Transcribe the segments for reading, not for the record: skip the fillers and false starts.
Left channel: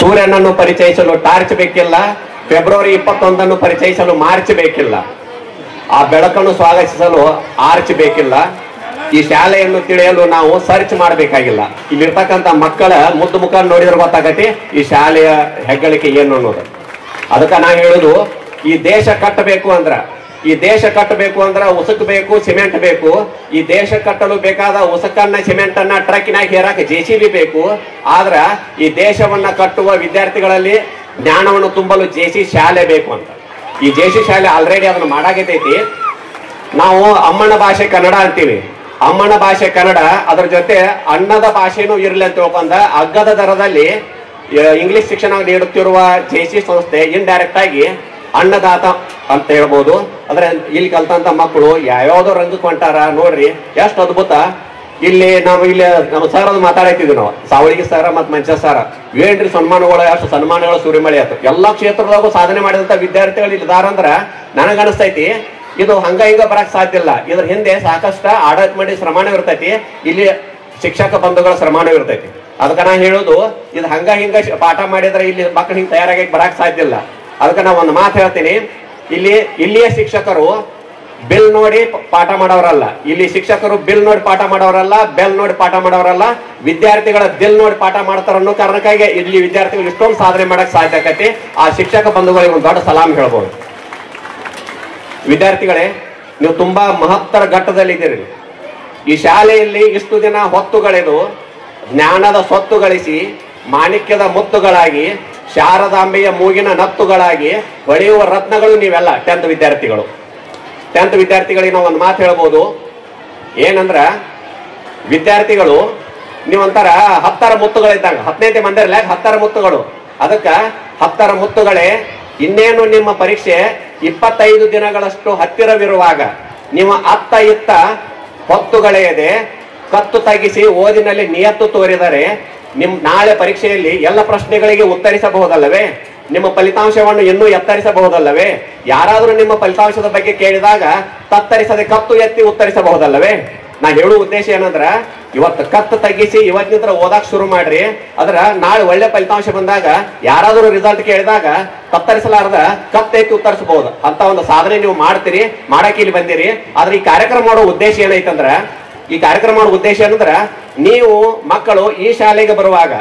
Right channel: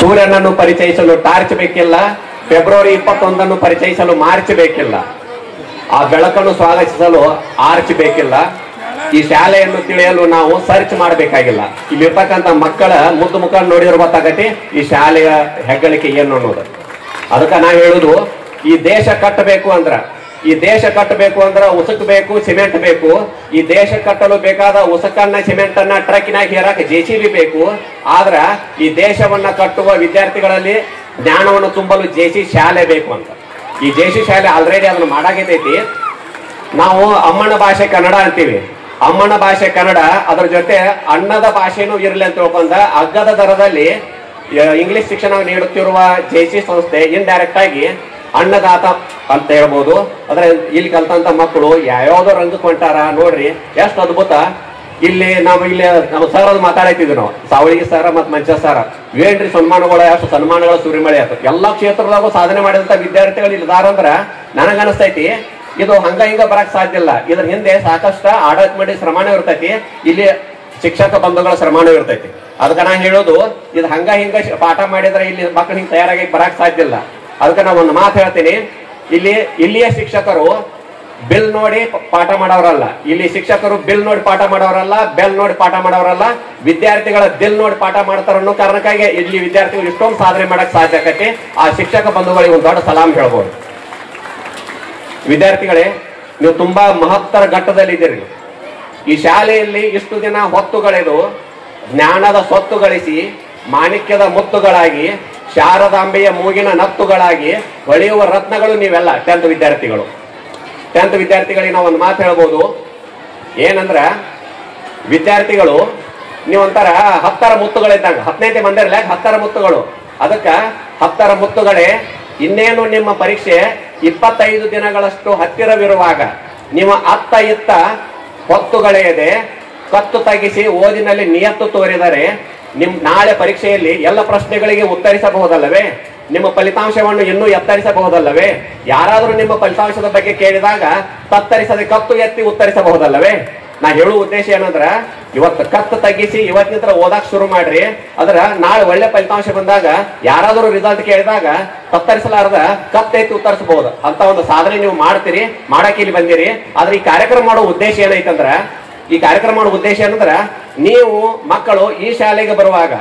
ಸೂರ್ಯನನ್ನು ಪರಿಚಯಿಸಲು ಟಾರ್ಚ್ ಬೇಕಿಲ್ಲ, ಫೆಬ್ರವರಿ 21 ಪರಿಚಯಿಸಲು ಮಾರ್ಚ್ ಬೇಕಿಲ್ಲ, ಆ ಬೆಳಕನ್ನು ಸ್ವಾಗತಿಸಲು ಆರ್ಚ್ ಬೇಕಿಲ್ಲ, ಈ ಶಾಲೆಯನ್ನು ತಿಳಿಯಲು ನಾವು ಸರ್ಚ್ ಮಾಡಬೇಕಾಗಿಲ್ಲ. ಇಲ್ಲಿರ್ತಕ್ಕಂಥ ಮಕ್ಕಳ ಮುದ್ದು ಮುಖ ನೋಡಿದ್ರೆ ಗೊತ್ತಾಗತ್ತೆ ಈ ಶಾಲೆಯ ಹೆಗ್ಗಳಿಕೆ ಏನು ಅನ್ನೋದು. ಅದಕ್ಕೆ ನಾ ಹೇಳುದು, ಈ ದೇಶ ಕಟ್ಟಬೇಕು ಅಂದ್ರ ಉಸುಕ್ ಬೇಕು, ಸಿಮೆಂಟ್ ಬೇಕು. ಈ ದೇಶ ಕಟ್ಟಲು ಬೇಕಾದ ಉಸುಕನ್ನ ಸಿಮೆಂಟ್ ಅನ್ನ ಟ್ರಕ್ನಾಗ ಹೇರಕ್ JCB ಬೇಕು. ಆದ್ರ ಈ ದೇಶವನ್ನ ಕಟ್ಟುವ ವಿದ್ಯಾರ್ಥಿಗಳಲ್ಲಿ ಜ್ಞಾನವನ್ನು ತುಂಬಲು JC ಶಾಲೆ ಬೇಕು ಅಂತ. ಈ JC ಶಾಲೆ ಆಲ್ರೆಡಿ ಅದನ್ನ ಮಾಡಾಗೈತೈತಿ. ನಾವು ಅಮ್ಮನ ಭಾಷೆ ಕನ್ನಡ ಅಂತೀವಿ, ಅಮ್ಮನ ಭಾಷೆ ಕನ್ನಡ, ಅದ್ರ ಜೊತೆ ಅನ್ನದ ಭಾಷೆನೂ ಇರಲಿ ಅಂತ ತಿಳ್ಕೊಂಡ ಅಗ್ಗದ ದರದಲ್ಲಿ ಇಂಗ್ಲಿಷ್ ಶಿಕ್ಷಣ ನೀಡುತ್ತಿರುವ JC ಸಂಸ್ಥೆ ಇಂಡೈರೆಕ್ಟ್ ಆಗಿ ಅನ್ನದಾತ ಅಂತ ಹೇಳ್ಬೋದು. ಅಂದ್ರೆ ಇಲ್ಲಿ ಕಲ್ತಂತ ಮಕ್ಕಳು ಯಾವ್ಯಾವ್ದೋ ರಂಗಕ್ಕೆ ಹೊಂಟಾರ ನೋಡ್ರಿ, ಎಷ್ಟು ಅದ್ಭುತ. ಇಲ್ಲಿ ನಮ್ಮ ಸರ್ ಅದು ಮಾತಾಡತ್ತಿದ್ವಿ ನಾವು, ಸಾವಳಿಗೆ ಸರ್ ಮತ್ ಮಂಚ ಸರ್, ಏನ್ರಿ ಸನ್ಮಾನಗಳ ಎಷ್ಟು ಸನ್ಮಾನಗಳ ಸುರಿಮಳೆ ಆಯ್ತು. ಎಲ್ಲಾ ಕ್ಷೇತ್ರದಾಗೂ ಸಾಧನೆ ಮಾಡಿದಂತ ವಿದ್ಯಾರ್ಥಿಗಳು ಇಲ್ಲಿದಾರ ಅಂದ್ರ ನನಗನಿಸ್ತೈತಿ ಇದು ಹಂಗ ಹಿಂಗ ಬರಕ್ ಸಾಧ್ಯ ಇಲ್ಲ. ಇದ್ರ ಹಿಂದೆ ಸಾಕಷ್ಟು ಆಡಳಿತ ಮಾಡಿ ಶ್ರಮಾಣ ಇರ್ತೈತಿ, ಇಲ್ಲಿ ಶಿಕ್ಷಕ ಬಂಧುಗಳ ಶ್ರಮಾಣ ಇರ್ತೈತಿ. ಅದಕ್ಕ ನಾ ಹೇಳೋದು, ಇದು ಹಂಗ ಹಿಂಗ ಪಾಠ ಮಾಡಿದ್ರೆ ಇಲ್ಲಿ ಮಕ್ಕಳು ಹಿಂಗ್ ತಯಾರಾಗಿ ಬರಕ್ ಸಾಧ್ಯ ಇಲ್ಲ. ಅದಕ್ಕೆ ನಾ ಒಂದು ಮಾತು ಹೇಳ್ತೀನಿ, ಇಲ್ಲಿಯ ಶಿಕ್ಷಕರು ಬಿಲ್ ನೋಡಿ ಪಾಠ ಮಾಡೋರಲ್ಲ, ಇಲ್ಲಿ ಶಿಕ್ಷಕರು ಬಿಲ್ ನೋಡಿ ಪಾಠ ಮಾಡೋರಲ್ಲ, ಬೆಲ್ ನೋಡಿ ಪಾಠ ಮಾಡೋರಲ್ಲ, ವಿದ್ಯಾರ್ಥಿಗಳ ದಿಲ್ ನೋಡಿ ಪಾಠ ಮಾಡ್ತಾರ ಅನ್ನೋ ಕಾರಣಕ್ಕಾಗಿ ಇಲ್ಲಿ ವಿದ್ಯಾರ್ಥಿಗಳು ಇಷ್ಟೊಂದು ಸಾಧನೆ ಮಾಡಕ್ ಸಾಧ್ಯ ಆಗತ್ತೆ. ಆ ಶಿಕ್ಷಕ ಬಂಧುಗಳಿಗೆ ಒಂದು ದೊಡ್ಡ ಸಲಾಂ ಹೇಳ್ಬೋದು. ವಿದ್ಯಾರ್ಥಿಗಳೇ, ನೀವು ತುಂಬಾ ಮಹತ್ತರ ಘಟ್ಟದಲ್ಲಿದ್ದೀರಿ. ಈ ಶಾಲೆಯಲ್ಲಿ ಇಷ್ಟು ದಿನ ಹೊತ್ತುಗಳೆದು ಜ್ಞಾನದ ಸ್ವತ್ತು ಗಳಿಸಿ ಮಾಣಿಕ್ಯದ ಮುತ್ತುಗಳಾಗಿ ಶಾರದಾಂಬೆಯ ಮೂಗಿನ ನತ್ತುಗಳಾಗಿ ಹೊಳೆಯುವ ರತ್ನಗಳು ನೀವೆಲ್ಲ 10th ವಿದ್ಯಾರ್ಥಿಗಳು. 10th ವಿದ್ಯಾರ್ಥಿಗಳಿಗೆ ನಾವು ಒಂದು ಮಾತು ಹೇಳ್ಬೋದು, ಏನಂದ್ರ ವಿದ್ಯಾರ್ಥಿಗಳು ನೀವೊಂಥರ 10ರ ಮುತ್ತುಗಳಿದ್ದಂಗ, 10ನೇ ಮಂದಿರಲ್ಲ 10ರ ಮುತ್ತುಗಳು. ಅದಕ್ಕ 10ರ ಮುತ್ತುಗಳೇ, ಇನ್ನೇನು ನಿಮ್ಮ ಪರೀಕ್ಷೆ 25 ದಿನಗಳಷ್ಟು ಹತ್ತಿರವಿರುವಾಗ ನೀವು ಅತ್ತ ಇತ್ತ ಹೊತ್ತುಗಳೆಯದೆ ಕತ್ತು ತಗ್ಗಿಸಿ ಓದಿನಲ್ಲಿ ನಿಯತ್ತು ತೋರಿದರೆ ನಾಳೆ ಪರೀಕ್ಷೆಯಲ್ಲಿ ಎಲ್ಲ ಪ್ರಶ್ನೆಗಳಿಗೆ ಉತ್ತರಿಸಬಹುದಲ್ಲವೇ? ನಿಮ್ಮ ಫಲಿತಾಂಶವನ್ನು ಇನ್ನೂ ಎತ್ತರಿಸಬಹುದಲ್ಲವೇ? ಯಾರಾದ್ರೂ ನಿಮ್ಮ ಫಲಿತಾಂಶದ ಬಗ್ಗೆ ಕೇಳಿದಾಗ ತತ್ತರಿಸದೆ ಕತ್ತು ಎತ್ತಿ ಉತ್ತರಿಸಬಹುದಲ್ಲವೇ? ನಾ ಹೇಳುವ ಉದ್ದೇಶ ಏನಂದ್ರ, ಇವತ್ತು ಕತ್ತು ತಗ್ಗಿಸಿ ಇವತ್ತಿನ ಓದಾಕ್ ಶುರು ಮಾಡ್ರಿ. ಅದ್ರ ನಾಳೆ ಒಳ್ಳೆ ಫಲಿತಾಂಶ ಬಂದಾಗ ಯಾರಾದ್ರೂ ರಿಸಲ್ಟ್ ಕೇಳಿದಾಗ ತತ್ತರಿಸಲಾರದ ಕತ್ತೆತ್ತಿ ಉತ್ತರಿಸಬಹುದು ಅಂತ ಒಂದು ಸಾಧನೆ ನೀವು ಮಾಡ್ತೀರಿ, ಮಾಡಕ್ಕೆ ಇಲ್ಲಿ ಬಂದಿರಿ. ಆದ್ರೆ ಈ ಕಾರ್ಯಕ್ರಮ ಮಾಡೋ ಉದ್ದೇಶ ಏನೈತಂದ್ರ, ಈ ಕಾರ್ಯಕ್ರಮ ಮಾಡೋ ಉದ್ದೇಶ ಏನಂದ್ರ, ನೀವು ಮಕ್ಕಳು ಈ ಶಾಲೆಗೆ ಬರುವಾಗ,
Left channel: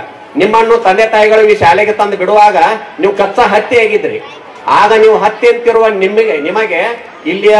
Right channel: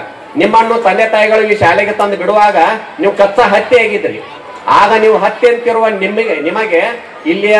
ನಿಮ್ಮನ್ನು ತಂದೆ ತಾಯಿಗಳು ಈ ಶಾಲೆಗೆ ತಂದು ಬಿಡುವಾಗ ನೀವು ಕಚ್ಚಾ ಹತ್ತಿ ಆಗಿದ್ರಿ. ಆಗ ನೀವು ಹತ್ತಿ ಅಂತಿರುವ ನಿಮಗೆ ಇಲ್ಲಿಯ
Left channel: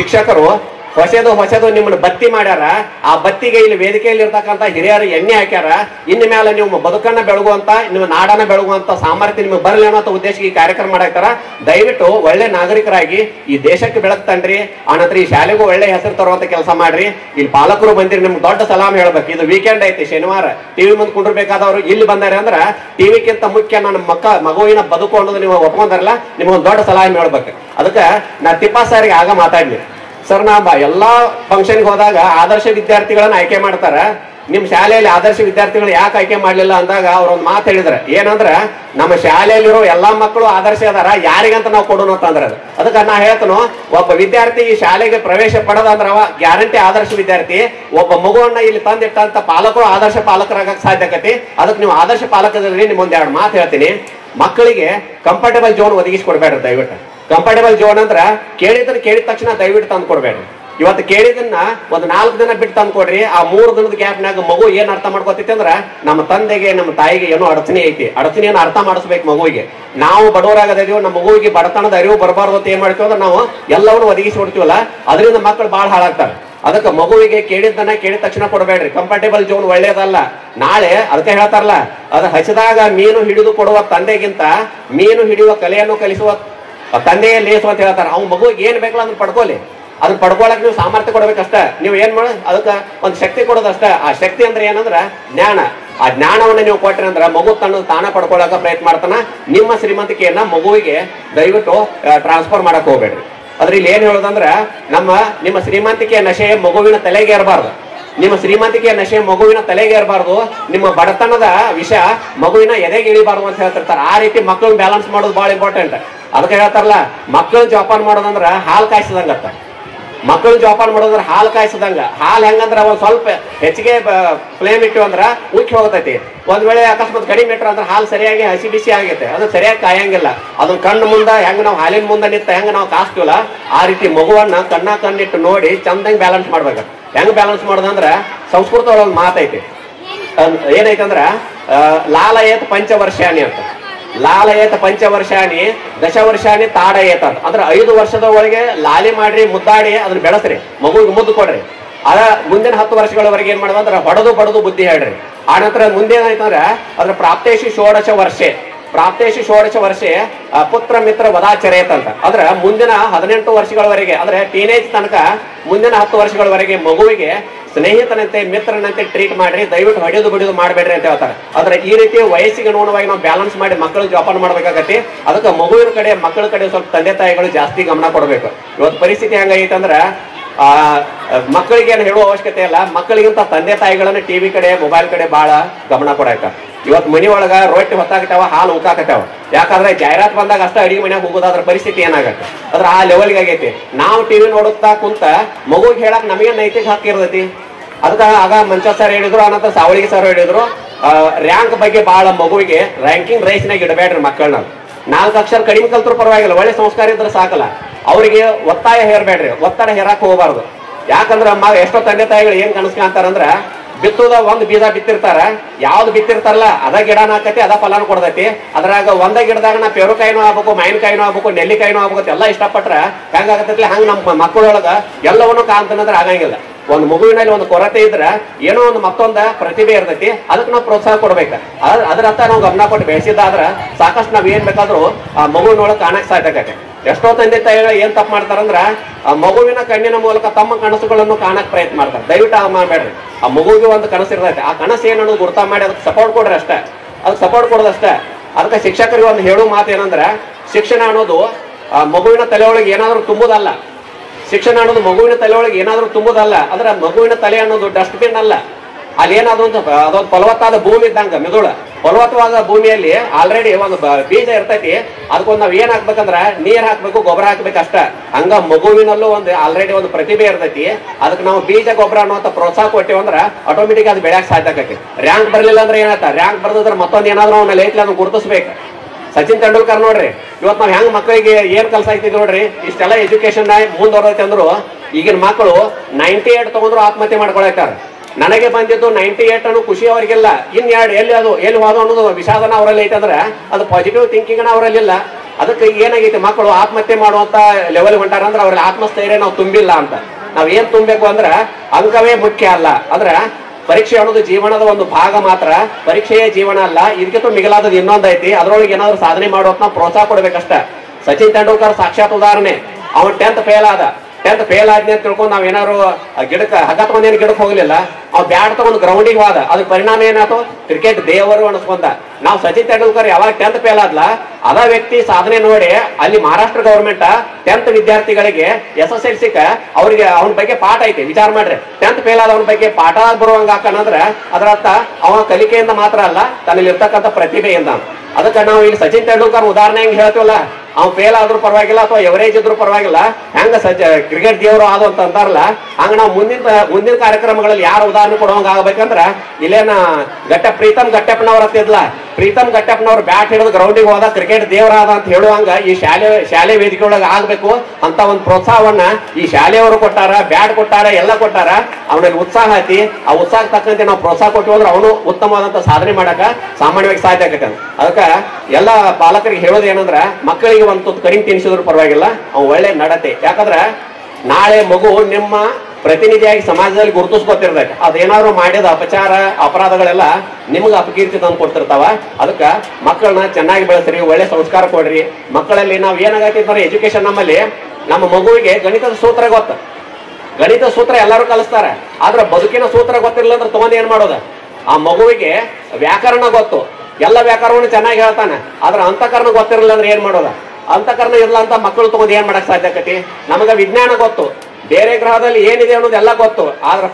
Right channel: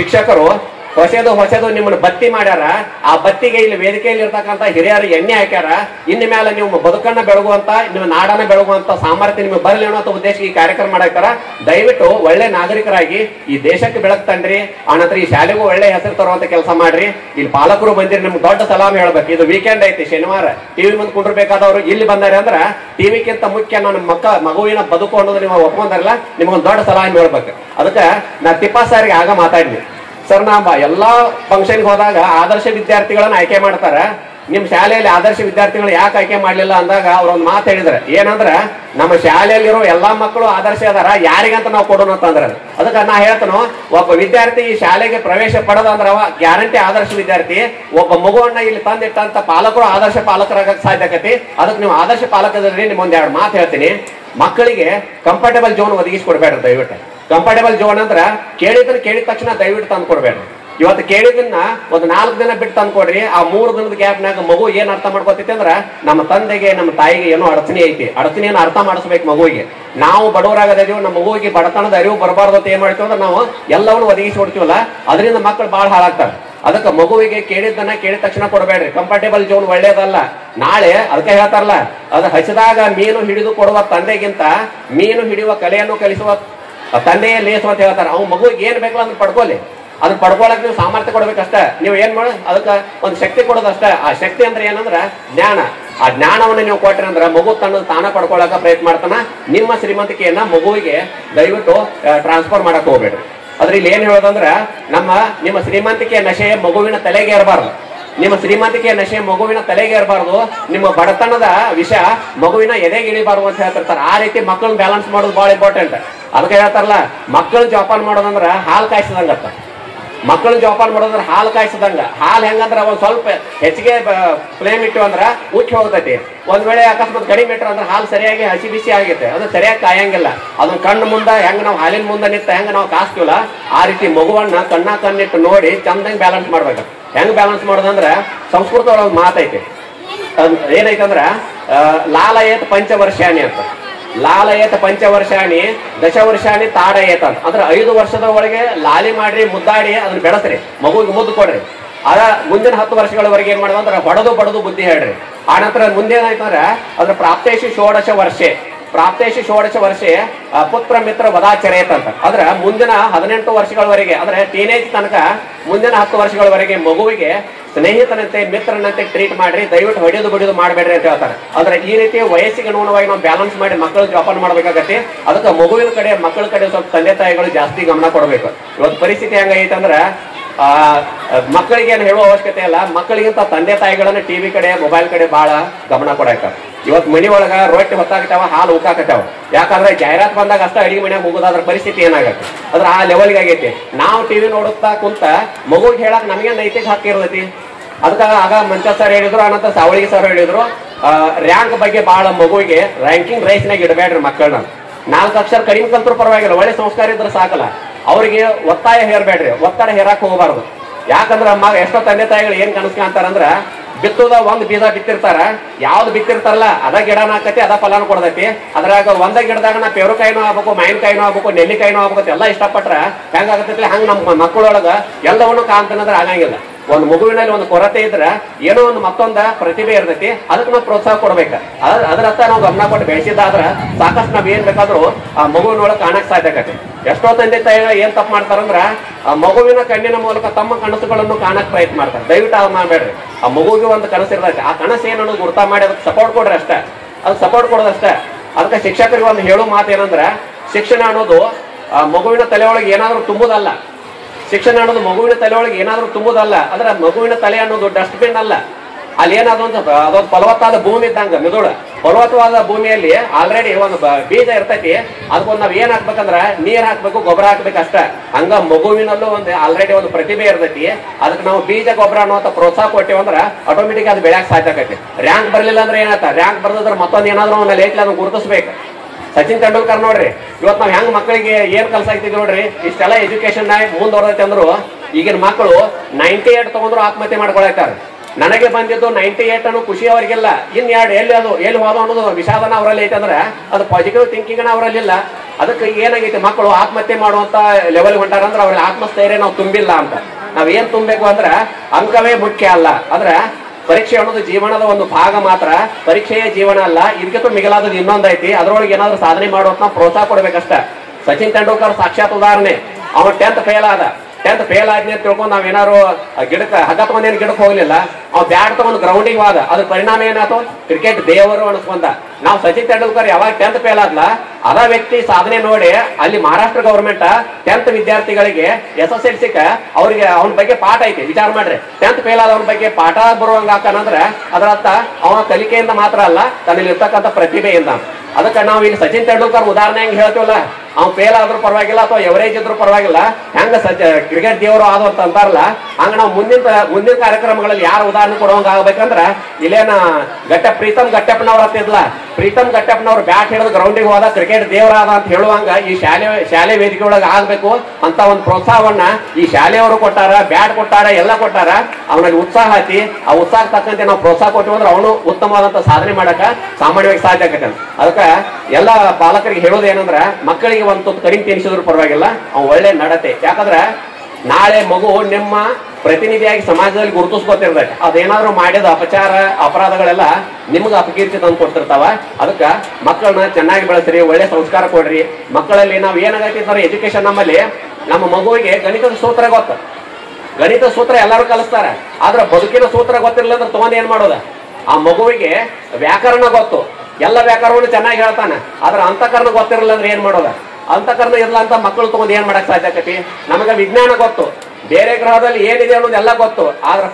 ಶಿಕ್ಷಕರು ಹೊಸದು ನಿಮ್ಮನ್ನು ಬತ್ತಿ ಮಾಡ್ಯಾರ. ಆ ಬತ್ತಿಗೆ ಇಲ್ಲಿ ವೇದಿಕೆಯಲ್ಲಿ ಇರ್ತಕ್ಕಂಥ ಹಿರಿಯರು ಎಣ್ಣೆ ಹಾಕ್ಯಾರ. ಇನ್ನು ಮೇಲೆ ನೀವು ಬದುಕನ್ನ ಬೆಳಗುವಂತ, ನಿಮ್ಮ ನಾಡನ್ನ ಬೆಳಗುವಂತ ಸಾಮರ್ಥ್ಯ ನಿಮ್ಗೆ ಬರಲಿ ಅನ್ನೋ ಉದ್ದೇಶಕ್ಕೆ ಈ ಕಾರ್ಯಕ್ರಮ ಮಾಡಾಕ್ತಾರ. ದಯವಿಟ್ಟು ಒಳ್ಳೆ ನಾಗರಿಕರಾಗಿ ಈ ದೇಶಕ್ಕೆ ಬೆಳಕು ತಂಡ್ರಿ. ಆನಂತರ ಈ ಶಾಲೆಗೂ ಒಳ್ಳೆ ಹೆಸರು ತರುವಂತ ಕೆಲಸ ಮಾಡ್ರಿ. ಇಲ್ಲಿ ಪಾಲಕರು ಬಂದಿರಿ, ನಿಮ್ಗೆ ದೊಡ್ಡ ಸಲಾಮ್ ಹೇಳ್ಬೇಕು. ಇದು ವೀಕೆಂಡ್ ಐತಿ, ಶನಿವಾರ ಟಿವಿ ಮುಂದೆ ಕುಂಡಿರ್ಬೇಕಾದವರು ಇಲ್ಲಿ ಬಂದಾರೆ ಅಂದ್ರ ಟಿವಿಕ್ಕಿಂತ ಮುಖ್ಯ ನನ್ನ ಮಗುವಿನ ಬದುಕು ಅನ್ನೋದು ನೀವು ಒಪ್ಕೊಂಡಾರಲ್ಲ, ನಿಮ್ಗೊಂದು ದೊಡ್ಡ ಸಲಾಮ್ ಹೇಳ್ಬೇಕು. ಅದಕ್ಕೆ ನಾ ತಿಪ್ಪಾ ಸಾರಿಗೆ ಆಗ ಮಾತಾಡಿನಿ, ಸರ್ ನಾ ಎಲ್ಲಾ ಫಂಕ್ಷನ್ಗೆ ಹೋದಾಗ ಆದರ್ಶ ವಿದ್ಯಾರ್ಥಿಗಳನ್ನ ಆಯ್ಕೆ ಮಾಡ್ತಾರ, ನಿಮ್ ಶಾಲೆಯಲ್ಲಿ ಆದರ್ಶ ವಿದ್ಯಾರ್ಥಿಗಳು ಯಾಕೆ ಆಯ್ಕೆ ಮಾಡ್ಲಿಲ್ಲ ಅಂದಾಗ ಅವ್ರೊಂದು ಮಾತು ಹೇಳಿದ್ರ, ಏನಂದ್ರ ನಮ್ಮ ಶಾಲೆಯಲ್ಲಿರೋ ಎಲ್ಲಾ ಮಕ್ಕಳು ಆದರ್ಶ ಅದಾರ, ಯಾರಿಗಂತ ನಾವು ಕೊಡೋಣ ಅಂತಂದ್ರ. ಅದಕ್ಕೆ ನಾ ಹೇಳ್ತನು, ಒಬ್ಬ ವಿದ್ಯಾರ್ಥಿ ಈ ಶಾಲೆಗೆ ಪ್ರವೇಶ ಪಡೆದಂದ್ರ ಅವ ಗ್ಯಾರಂಟಿ ಆದರ್ಶ ವಿದ್ಯಾರ್ಥಿ. ಒಬ್ಬ ಮಗುವನ್ನ ಇಲ್ಲಿ ತಂದಿಟ್ಟಂತ ಪಾಲಕರು ಆದರ್ಶ ಪಾಲಕರಾಗಕ್ಕೆ ಸಾಧ್ಯ ಆಗತಿ. ಅದಕ್ಕೆ ನೀವು ಆದರ್ಶ ಪಾಲಕದಲ್ಲಿ ನಿಮ್ಮೊಂದ್ 2 ಮಾತು ಹೇಳ್ತೀನಿ. ಮಕ್ಕಳಿಗೆ ಕಂಫರ್ಟೇಬಲ್ ಝೋನ್ ಒದಗಿಸ್ಕೊಡ್ಬೇಡ್ರಿ ದಯವಿಟ್ಟು. ಕಂಫರ್ಟೇಬಲ್ ಝೋನ್ ಅಂದ್ರ ಕೇಳಿದ ತಕ್ಷಣ ದಯವಿಟ್ಟು ತಂದು ಕೊಡ್ಬೇಡ್ರಿ. ಇವತ್ತು ಕೇಳಿದನ್ನ ಒಂದು 4 ದಿನ ಬಿಟ್ಟು ತಂದು ಕೊಡ್ರಿ. ಆ 3 ದಿನದ ಗ್ಯಾಪ್ನಾಗ ಮಗು ಏನ್ ಅರ್ಥ ಮಾಡ್ಕೊತೈತಿ ಅಂದ್ರ, ನಮ್ಮ ತಂದೆಗೆ ನಮ್ಮ ತಾಯಿಗೆ ಏನೋ ಅಡಚಣೆ ಐತಿ, ಅಡಚಣೆಯನ್ನು ಅರ್ಥ ಮಾಡಿಸ್ಬೇಕು ಮಗುವಿಗೆ. ನಾವು ಬಡವರಾಗದಿದೀವಿ, ನಮ್ಮ ಮಗುವಿಗೆ ಬಡತನದ ಅರಿವು ಬರಬಾರ್ದು ಅಂತ ಏನ್ ಮಾಡ್ತೀವಿ ಅಂದ್ರೆ ನಾವು ಎಲ್ಲವನ್ನು ಒದಗಿಸ್ಕೊಡ್ತೀವಲ್ಲ, ಅದರಿಂದ ಮಕ್ಕಳು ಬಹಳ ಹಾಳಾಗ್ತಾರೆ. ಅದಕ್ಕೆ ಮಗುವಿಗೆ ಕೇಳಿದ್ದನ್ನ ಕೇಳಿದ ತಕ್ಷಣ ಕೊಡಬೇಡ್ರಿ. ಕಂಫರ್ಟೇಬಲ್ ಝೋನ್ ಒಳ್ಳೇದಲ್ಲ. ನಾಳೆ ಅದಕ್ಕೆ ಹೇಳ್ತಾರಲ್ಲ, ಅದು ಹಸಿದಾಗ ಮೀನು ಹಿಡಿದು ಕೊಡುವ ತಂದೆಗಿಂತ ಮೀನು ಹಿಡಿಯುವ ಕಲೆಯನ್ನು ಕಲಿಸುವ ತಂದೆಯ ಲೇಸು ಅಂತ ಹೇಳ್ತಾರೆ. ಅವ್ನ ಮಗುವಿಗೆ ಏನ್ ಬೇಕಲ್ಲ ಅದನ್ನ ಪಡ್ಕೊಳ್ಳಿ. ಅದನ್ನ ಪಡ್ಕೊಳಕ್ ನೀವು ಸಾಮರ್ಥ್ಯ ಕೊಡ್ಬೇಕಷ್ಟ. ನೀವು ಏನ್ ಮಾಡಿ ಅದಕ್ಕೆ ಒಂದು ಶಕ್ತಿ ಕೊಡೋದಷ್ಟ. ಆ ಶಕ್ತಿ ಅಂದ್ರೆ ಏನಂದ್ರ ಜ್ಞಾನ. ಆ ಜ್ಞಾನವನ್ನ ನೀವು ಕೊಟ್ರಿ ಅಂದ್ರ ಮಗು ತಾನ ಪಡ್ಕೊಳಕ ಪ್ರಯತ್ನ ಮಾಡ್ತಾನ. ನಿಮ್ಮ ಶ್ರೀಮಂತಿಕೆಯನ್ನ ಮಗುವಿಗೆ ದಯವಿಟ್ಟು ಟ್ರಾನ್ಸ್ಫರ್ ಮಾಡಕ್ ಹೋಗ್ಬೇಡ್ರಿ. ಅದ್ರ ಇಲ್ಲಿ ಏನ್ ಹೇಳೋದಂದ್ರ, ನಿಮ್ಮ ಶ್ರೀಮಂತಿಕೆಯ ನಶೆಯ ಮಗುವಿನ ತಲೆಗೆ ಇರಬಾರ್ದು. ನಿಮ್ಮ ಶ್ರೀಮಂತಿಕೆಯ ನಶೆ ಮಗುವಿನ ತಲೆಗೆ ಇರಬಾರ್ದು. ನಿಮ್ಮ ಬಡತನದ ವಿಷ ಮಗುವಿನ ಎದೆಗೆ ಇಳಿಬಾರ್ದು ಅಂತ ಹೇಳ್ತಿರ್ತಾರೆ. ಆ ರೀತಿ ಮಕ್ಕಳನ್ನ ಬ್ಯಾಲೆನ್ಸ್ ಮಾಡೋದು ಬಹಳ ಇಂಪಾರ್ಟೆಂಟ್. ಅದಕ್ಕೆ ಹೇಳ್ತಾರಲ್ಲ, ಮಕ್ಕಳನ್ನ ಜೋಪಾನ ಮಾಡೋದಂದ್ರ ಹಾಲು ಕಾಯಿಸದಂಗತ್ತ. ಮಕ್ಕಳು ಜೋಪಾನ ಮಾಡೋದ್ರ ಹಾಲು ಕಾಯಿಸದಂಗ. ಹಾಲು ಹೆಂಗಂದ್ರ ಒಂದ್ ಸ್ವಲ್ಪ ಹೆಚ್ಚಿಗೆ ಫ್ಲೇಮ್ ಇಟ್ಟು ಅಂದ್ರ ಉಕ್ಕಿ ಹೋಗ್ತೈತಿ. ಒಂದ್ ವೇಳೆ ಅಕಸ್ಮಾತ್ ಕಡಿಮೆ ಇಟ್ರ ಅಂದ್ರೆ ಹಾಲು ಸರಿಯಾಗಿ ಹಸಿ ಬಿಸಿ ಆಗೈತೆ, ಅದು ಸರಿಯಾಗಿ ಕಾಯಂಗಿಲ್ಲ. ಅದನ್ನ ಕಣ್ಣು ಮುಂದೆ ಹೆಂಗ್ ನಾವು ಹಾಲಿನ ಮುಂದೆ ನಿಂತ ಹೆಂಗ ನಾವು ಕಾಸ್ತೀವಲ್ಲ ಆ ರೀತಿ ಮಗುವನ್ನ ಕಣ್ಣಿಟ್ಟು ನೋಡಿ ಚಂದಂಗ್ ಬ್ಯಾಲೆನ್ಸ್ ಮಾಡ್ಬೇಕು. ಹೆಂಗ್ ಬ್ಯಾಲೆನ್ಸ್ ಮಾಡೋದಂದ್ರ ಸಂಸ್ಕೃತ ಒಳಗೆ ಮಾತೈತಿ, ಏನೈತಂದ್ರ ಲಾಲಯತ್ ಪಂಚವರ್ಷಾಣಿ ಅಂತ. ಲಾಲಯತ್ ಪಂಚವರ್ಷಾಣಿ ದಶವರ್ಷಾಣಿ ತಾಡಯತ್ ಅಂತ. ಅಂದ್ರೆ 5 ವರ್ಷದ ಒಳಗೆ ಲಾಲಿ ಮಾಡ್ರಿ, ಮುದ್ದಾಡಿ ಅದನ್ನ ಬೆಳೆಸ್ರಿ, ಮಗುವಿಗೆ ಮುದ್ದು ಕೊಡ್ರಿ. ಅದ ಮುಂದಿನ 10 ವರ್ಷಗಳವರೆಗೆ ಏನ್ ಮಾಡೋದಂದ್ರ ಹೊಡೆದು ಬಡದು ಬುದ್ಧಿ ಹೇಳ್ರಿ. ಆ ನಂತರ ಮುಂದೆ ಏನಾಯ್ತಂದ್ರ ಅದ್ರ ಪ್ರಾಪ್ತೇಶಿ ಷೋಡಶ ವರ್ಷೆ, ಪ್ರಾಪ್ತೇಶಿ ಷೋಡಶ ವರ್ಷೆ ಪುತ್ರ ಮಿತ್ರ ವದಾಚರೇತ್ ಅಂತ. ಅದ್ರ ಮುಂದಿನ 18 ವರ್ಷಗಳವರೆಗೆ ಅಂದ್ರೆ ಟೀನೇಜ್ ತನಕ ಮುಂದಿನ 10 ವರ್ಷಗಳವರೆಗೆ ಮಗುವಿಗೆ ಸ್ನೇಹಿತನಂತೆ ಮಿತ್ರನಂತೆ ಟ್ರೀಟ್ ಮಾಡ್ರಿ, ದಯವಿಟ್ಟು ಹೊಡೆಯೋದು ಬಿಡೋದು ಮಾಡಬೇಡ್ರಿ ಅಂತ ಹೇಳ್ತಾರೆ. ಆದ್ರೆ ಈ ರೀತಿ ವಯಸ್ಸಿಗೆ ಅನುಗುಣವಾಗಿ ನಾವು ಬ್ಯಾಲೆನ್ಸ್ ಮಾಡಿ ಮಕ್ಕಳು ಜೋಪಾನ ಮಾಡ್ಬೇಕಾಗತ್ತೆ. ಅದಕ್ಕೆ ಮಗುವಿನ ಕಡೆ ಮಕ್ಕಳ ಕಡೆ ಸ್ವಲ್ಪ ತಂದೆ ತಾಯಿಗಳು ಜಾಸ್ತಿ ಗಮನ ಕೊಡಬೇಕು. ಇವತ್ತು ಪರಿಸ್ಥಿತಿ ಹೆಂಗೈತಂದ್ರ ಮಕ್ಕಳಿಗೆ ಏನು ಹೇಳುವ ಅವಶ್ಯಕತೆ ಇಲ್ಲ, ಮಕ್ಕಳಿಗಿಂತ ತಂದೆ ತಾಯಿಗಳನ್ನ ಟಿವಿ ಕಡೆ ಮೊಬೈಲ್ ಕಡೆ ಬಹಳ ಗಮನ ಕೊಡಾಕ. ಇವತ್ತು ಮನಿ ಒಳಗ ರೊಟ್ಟಿ ಹೊತ್ತಾಕತಾವ, ಹಾಲು ಉತ್ತಾಕತಾವ. ಯಾಕಂದ್ರೆ ಜಾಹೀರಾತ್ ಬಂದಾಗ ಅಷ್ಟ ಅಡಿಗೆ ಮನ್ಯಾಗ ಹೋಗೋದಾದ್ರ ಪರಿಸ್ಥಿತಿ ಏನಾಗತ್ತೆ ಅದ್ರ ಆ ಲೆವೆಲ್ಗೆ ಆಗೈತಿ. ನಾವು ಟಿವಿ ನೋಡುತ್ತಾ ಕುಂತ ಮಗುಗೆ ಹೇಳಕ್ ನಮಗೆ ನೈತಿಕ ಹಾಕಿರ್ತೈತಿ. ಅದಕ್ಕ ಆಗ ಮಂಚ ಸರ್ ಹೇಳಿದ್ರು, ಅನಂತರ ಸಾವಳಿಗೆ ಸರ್ ಹೇಳಿದ್ರು, ರ್ಯಾಂಕ್ ಬಗ್ಗೆ ಬಹಳ ಮಗುವಿಗೆ ರ್ಯಾಂಕಿಂಗ್ ರೈಸ್ನಾಗ ಇಡಬೇಡ್ರಿ ಮಕ್ಕಳನ್ನ. 4 ಅಕ್ಷರ ಕಡಿಮೆ ಕಲ್ತರು ಪರವಾಗಿಲ್ಲ, ಒಳ್ಳೆ ಸಂಸ್ಕಾರ ಇದ್ರೆ ಸಾಕಲ್ಲ. ಅವ್ರಿಗೆ ಒತ್ತಾಯ ಹೇರ್ಬೇಡ್ರಿ, ಒತ್ತಡ ಹೇರಕ್ ಹೋಗ್ಬಾರ್ದು. ಯಾಕಂದ್ರ ಎಷ್ಟೋ ತಂದೆ ತಾಯಿಗಳು ಏನ್ ಕನಸ್ಕೊಂತಾರಂದ್ರ ಬಿತ್ತುದ ಒಂದ್ ಬೀಜ ಬಿತ್ತಿರ್ತಾರ, ಯಾವ್ದು ಬಿತ್ತಿರ್ತಾರಲ್ಲ ಅದ ಗಿಡನ ಆಕತಿ, ಅದ ಫಲನ ಕೊಡ್ತೈತಿ. ಅದ್ರಾಗ ಒಂದ ಗಿಡದಾಗ ನಾ ಪೇರುಕಾಯಿನೂ ಆಗ್ಬೇಕು, ಮಾವಿನಕಾಯಿನೂ ಆಗ್ಬೇಕು, ನೆಲ್ಲಿಕಾಯಿನೂ ಆಗ್ಬೇಕು ಎಲ್ಲ ಇಷ್ಟಪಟ್ರ ಹೆಂಗಾಗತ್ತೈತಿ ಹಂಗ ನಮ್ಮ ಮಕ್ಕಳೊಳಗ ಎಲ್ಲವನ್ನೂ ಕಾಣ್ತಾನಂದ್ರ ಆಗಂಗಿಲ್ಲ. ಒಂದು ಮಗುವಿನಲ್ಲಿ ಒಂದು ಕೊರತೆ ಇದ್ರ ಏನೋ ಒಂದು ಮತ್ತೊಂದ ಪ್ರತಿಭೆ ಇರ್ತೈತಿ, ಅದಕ್ಕೆ ನಾವು ಪ್ರೋತ್ಸಾಹ ಕೊಡ್ಬೇಕು. ಅದ್ರತ್ತ ನಾವು ಗಮನ ಕೊಟ್ಟು ಬೆಳೆಸಿದಾದ್ರ ಸಾಕಷ್ಟು ನಾವ್ ಏನ್ ಬೇಕಾದ್ರೂ ಆ ಮಗುವಿನೊಳಗೆ ಕಾಣಕ್ ಸಾಧ್ಯ ಆಗತ್ತೆ. ಎಷ್ಟೋ ತಂದೆ ತಾಯಿಗಳು ಏನ್ ತಪ್ಪು ಮಾಡ್ತಾರಂದ್ರ ಆ ಮಗುವಿನ ಕಣ್ಣಿನ ಮೂಲಕ ತಮ್ಮ ಕನಸುಗಳನ್ನು ಕಾಣಕ್ ಪ್ರಯತ್ನ ಮಾಡ್ತಾರೆ. ದಯವಿಟ್ಟು ಅದ್ ಮಾಡ್ಬೇಡ್ರಿ. ಆ ಮಗುವಿಗೆ ಒಂದು ಕನಸು ಇರ್ತೈತಿ, ಆ ಕನಸು ಏನೋ ಗುರ್ತ ಮಾಡಿ ಅದಕ್ಕೆ ಸಪೋರ್ಟ್ ಕೊಡ್ರಿ ಅಷ್ಟೇ. ಅದಕ್ಕೆ ಸಪೋರ್ಟ್ ಕೊಡೋದಷ್ಟೇ. ಅದಕ್ಕೆ ಶಿಕ್ಷಕರಿಗೆ ಒಂದು ಹೇಳೋ ಮಾತು ಏನಂದ್ರ ಶಿಕ್ಷಣ ಅನ್ನೋದು ಮಗುವಿನ ತಲೆ ಒಳಗೆ ಏನಾದ್ರೂ ತುಂಬುದಲ್ಲ. ಶಿಕ್ಷಣ ಅನ್ನೋದು ಮಗುವಿನ ತಲೆ ಒಳಗೆ ಏನಾದ್ರೂ ತುಂಬುದಲ್ಲ. ಅಂದ್ರೆ ಮಗುವಿನ ತಲೆ ಅನ್ನೋದು ಡಸ್ಟ್ಬಿನ್ ಅಲ್ಲ. ಅಲ್ಲಿ ಏನಾದ್ರು ಅದೊಂದು ಫಲವತ್ತಾದ ಭೂಮಿ ಇದ್ದಂಗ ಮಿದುಳ. ಫಲವತ್ತವಾದ ಭೂಮಿಯಲ್ಲಿ ಆಲ್ರೆಡಿ ಒಂದು ಬೀಜ ಇರ್ತೈತಿ. ಅದಕ್ಕೊಂದು ನಾವ್ ಏನ್ ಹಾಕ್ಬೇಕಂದ್ರ ನೀರ್ ಹಾಕ್ಬೇಕು, ಗೊಬ್ಬರ ಹಾಕ್ಬೇಕು ಅಷ್ಟ. ಹಂಗ ಮಗುವಿನಲ್ಲೂ ಒಂದು ಆಲ್ರೆಡಿ ಒಂದು ಪ್ರತಿಭೆ ಇರ್ತೈತಿ. ಅದಕ್ಕೆ ನಾವು ಬೀಜ ಗೊಬ್ಬರ ಅನ್ನುವಂತ ಪ್ರೋತ್ಸಾಹ ಕೊಟ್ಟಿವಂದ್ರ ಆಟೋಮೆಟಿಕ್ ಅದು ಬೆಳೆಯಕ್ ಸಾಧ್ಯ ಆಗತ್ತೆ. ರ್ಯಾಂಕ್ ಬರ್ಲಿಲ್ಲ ಅಂದ್ರೆ ಏನಾಗ್ತ, ರ್ಯಾಂಕ್ ಬರ್ದ್ರೆ ಮತ್ತೊಂದು ಏನಾದ್ರು ಅವ್ನ ಲೈಫ್ ಅದನ್ನ ಗುರುತಿಸ್ಬೇಕು. ಸಚಿನ್ ತೆಂಡೂಲ್ಕರ್ ನೋಡ್ರಿ, ಇವತ್ತು ನಾವ್ ಹೆಂಗ್ ಮಕ್ಕಳಿಗೆ ಏನ್ ಕಲ್ಸಾಕ್ತಿದ್ವಿ ನೋಡ್ರಿ. ಇಷ್ಟೆಲ್ಲ ಎಜುಕೇಶನ್ ಮುಂದುವರೆದೈತೆ ಅಂದ್ರು ಈಗಿನ ಮಕ್ಕಳು 98 ತಗೊಂಡ್ರು ಆತ್ಮಹತ್ಯೆ ಮಾಡ್ಕೊಳಕ್ಕಾರ. ನನಗೆ ಬಂದಿದ್ದು 98 ಅನ್ನೋ ಖುಷಿ ಅವ್ರಿಗೆಲ್ಲ. ಇನ್ನೆರಡು ಎಲ್ಲಿ ಹೋದ ಅನ್ನೋದು ವಿಷಾದನ ಅವರಲ್ಲಿ ಐತಂದ್ರ ಅದು ಪಾಸಿಟಿವ್ ಥಿಂಕಿಂಗ್ ಅವರಲ್ಲಿಲ್ಲ. ಅದಕ್ಕೆ ಏನಾಗೈತಿ, ಮಕ್ಕಳು ಆತ್ಮಹತ್ಯೆ ಮಾಡುವಂತ ಲೆವೆಲ್ ಹೊಂಟಾರ ಅಂದ್ರೆ ಅವ್ರಿಗೆ ಆತ್ಮಸ್ಥೈರ್ಯ ನಾವು ತುಂಬಿಲ್ಲ ಅಂತ. ನಾವ್ ಏನ್ ತುಂಬಬೇಕು ಅಂದ್ರ ಅಂಕವೇ ಮುಖ್ಯ ಅಲ್ಲ. ಅಂದ್ರ ಪರೀಕ್ಷೆ ಅನ್ನೋದು ಜೀವನದ ಒಂದು ಭಾಗ ಮಾತ್ರ, ಪರೀಕ್ಷೆಯೇ ಜೀವನ ಅಲ್ಲ. ಇದಕ್ಕಿಂತ ಮಿಗಿಲಾದದ್ದು ಇನ್ನೊಂದೈತಿ. ಅದ್ರೊಳಗೆ ಏನಾದ್ರು ಸಾಧನೆ ಮಾಡುವಂತ ನಾವು ಪ್ರೋತ್ಸಾಹ ಕೊಡ್ಬೇಕಷ್ಟ. ಸಚಿನ್ ತೆಂಡೂಲ್ಕರ್ ಸಾಕ್ಷಾತ್ ಉದಾಹರಣೆ. ಅವನು 10th ಫೇಲ್ ಆದ. 10th ಫೇಲ್ ಆದ್ನೆ ಅಂತ ತಿಳ್ಕೊಂಡು ನಾವ್ ಏನಾದ್ರು ಗಿಡಕ್ಕೆ ಹಗ್ಗ ತಗೊಂಡೇನು ಗಿಡಕ್ಕೆ ಹೋಗ್ಲಿಲ್ಲ. ಅವ್ ಬ್ಯಾಟ್ ತಗೊಂಡು ಗ್ರೌಂಡಿಗೆ ಹೋದ. ಅದ್ರ ಪರಿಣಾಮ ಏನಾಯ್ತು, ಕ್ರಿಕೆಟ್ ದೇವರು ಅನಿಸ್ಕೊಂಡ. ನಾವು ಸಚಿನ್ ತೆಂಡೂಲ್ಕರ್ ಯಾವಾಗ 10th ಫೇಲ್ ಆದ್ಲ ಅದ ವ್ಯಕ್ತಿ ಸಾಧನೆ ನೋಡಿ ಅಲ್ಲಿ ಮಹಾರಾಷ್ಟ್ರ ಗವರ್ಮೆಂಟ್ 10th ವಿದ್ಯಾರ್ಥಿಗಳಿಗೆ SSLC ಅವ್ರಿಗೆ ಅವನ ಬಗ್ಗೆ ಪಾಠ ಐತಿ. ವಿಚಾರ ಮಾಡ್ರಿ, 10th ಫೇಲ್ ಆದ ಅವನ ಬಗ್ಗೆ ಪಾಠ ಬರುವಂಗ ಹಾಕಂದ್ರ ಅದರರ್ಥ ಅವ ಕಲಿಕೆಯಿಂದ ಮಾತ್ರ ಅಲ್ಲ, ತನ್ನಲ್ಲಿ ಇರ್ತಕ್ಕಂಥ ಪ್ರತಿಭೆಯಿಂದ. ಅದಕ್ಕೆ ನಾವು ಇಲ್ಲಿ ಸಚಿನ್ ತೆಂಡೂಲ್ಕರ್ ಉದಾಹರಣೆ ಹೆಂಗ್ ಹೇಳ್ತೀವಲ್ಲ, ಅವ್ನು ಫೇಲ್ ಆದ್ರೂ ಪರವಾಗಿಲ್ಲ ಅಥವಾ ಎವರೇಜ್ ಇದ್ರೂ ಪರವಾಗಿಲ್ಲ, ಹೆಂಗ ಕ್ರಿಕೆಟ್ ದೇವರು ಆದ ಅಂತ ಅಂತಾರಲ್ಲ ಹಂಗ ನಾವು ಮುಂದಿನ ಕಾರ್ಯಕ್ರಮಗಳಲ್ಲಿ ಯಾರು ಉದಾಹರಣೆ ಕೊಡುವಂಗ ಆಗ್ಬೇಕಂದ್ರ ಇಲ್ಲೇನ ಪ್ರೀತಮ್ ಗಟ್ಟಪ್ಪನವ್ರ ಹತ್ತಿದ್ಲ. ಪ್ರೀತಮ್ ಗಟ್ಟಪ್ಪನವ್ರು ಬ್ಯಾಟ್ ಹಿಡಿದು ಗ್ರೌಂಡಿಗೆ ಹೋದ, ಕ್ರಿಕೆಟ್ ದೇವರಾದ ಅಂತ ಹೇಳುವಂಗ ಈ ಶಾಲೆ ವೇದಿಕೆ ಒಳಗೆ ಆಗ್ಬೇಕು ಅಂತ ಒಂದು ಪ್ರೋತ್ಸಾಹವನ್ನ ಈ ಶಾಲೆಯವರು ಕೊಟ್ಟಾರ, ಬ್ಯಾಟ್ ಕೊಟ್ಟಾರ, ಎಲ್ಲ ಕೊಟ್ಟಾರ. ಅವನಲ್ಲಿ ಉತ್ಸಾಹ ಐತಿ. ಆ ಉತ್ಸಾಹ ತಕ್ಕಂತೆ ನಾವು ಪ್ರೋತ್ಸಾಹ ಕೊಟ್ಟಿವಿ ಅಂದ್ರೆ ಅವನು ಉತ್ತಮವಾದಂತ ಸಾಧನೆ ಮಾಡಕ ಸಾಮಾನ್ಯವಾಗಿ ಸಾಧ್ಯ ಆಗತ್ತೆ. ಅದಕ್ಕ ಎಲ್ಲ ಪಾಲಕರಿಗೆ ಹೇಳೋದು ಏನಂದ್ರ ಮಕ್ಕಳಿಗೆ ಒಂದು ತುತ್ತು ಕಡಿಮೆ ತಿನ್ಸಿದ್ರು ಪರವಾಗಿಲ್ಲ, ಅವ್ ಒಳ್ಳೆ ನಡತೆ. ಯಾಕಂದ್ರ ನಾಳೆ ಮಗು ನಿಮ್ಮ ಪ್ರತಿನಿಧಿಯಾಗಿ ಸಮಾಜದಲ್ಲಿ ಗುರುತಿಸ್ಕೊತಿರ್ತೈತೆ. ಅದೇನಾದ್ರು ಮಾಡಿದ ಅಪಚಾರ ಅಪರಾಧಗಳೆಲ್ಲ ನಿಮ್ಗೆ ಅಪಕೀರ್ತಿ ತಂದು ಕೊಡ್ತಿರ್ತಾವ. ಅದಕ್ಕ ಮಕ್ಕಳನ್ನ ಚೆನ್ನಾಗಿ ಬೆಳೆಸ್ರಿ, ಒಳ್ಳೆ ಸಂಸ್ಕಾರ ಕೊಡ್ರಿ. ಮಕ್ಕಳಲ್ಲಿ ನಾವ್ ಏನಾಗೈತೆ ಎಜುಕೇಶನ್ ನಮ್ಮಲ್ಲಿ ನಮ್ಮ ಮಗುವಿಗೆ ಗಣಿತದ ಸೂತ್ರ ಗೊತ್ತ. ಗಣಿತ ಸೂತ್ರ ಎಲ್ಲರೂ ಕಲಿಸ್ತಾರೆ, ಆದ್ರೆ ಬದುಕಿನ ಸೂತ್ರ ಗೊತ್ತಿರಲಿಲ್ಲ ಅಂದ್ರೆ ತಗೊಂಡ್ ಏನ್ ಮಾಡೋದ. ಆ ಮಗುವಿಗೆ ವ್ಯಾಕರಣ ಗೊತ್ತು, ಎಲ್ಲ ವ್ಯಾಕರಣ ಚೆನ್ನಾಗಿ ಹೇಳ್ತಾನೆ, ಆದ್ರೆ ಅಂತಃಕರಣ ಗೊತ್ತಿರಲಿಲ್ಲ ಅಂದ್ರೆ ಏನ್ ಮಾಡೋದ. ಅಂತಃಕರಣ ಇರಲ್ಲ ಅಂತ ಮಕ್ಕಳು ತಗೊಂಡು ಏನ್ ಮಾಡಕ್ ಸಾಧ್ಯ ಆಕತಿ. ನಮಗ ವಿಜ್ಞಾನ ಗೊತ್ತು, ಬೇರೆ ಗ್ರಹದಲ್ಲಿ ಏನಿದೆ ಅನ್ನೋದೆಲ್ಲ ಗೊತ್ತು, ಆದ್ರೆ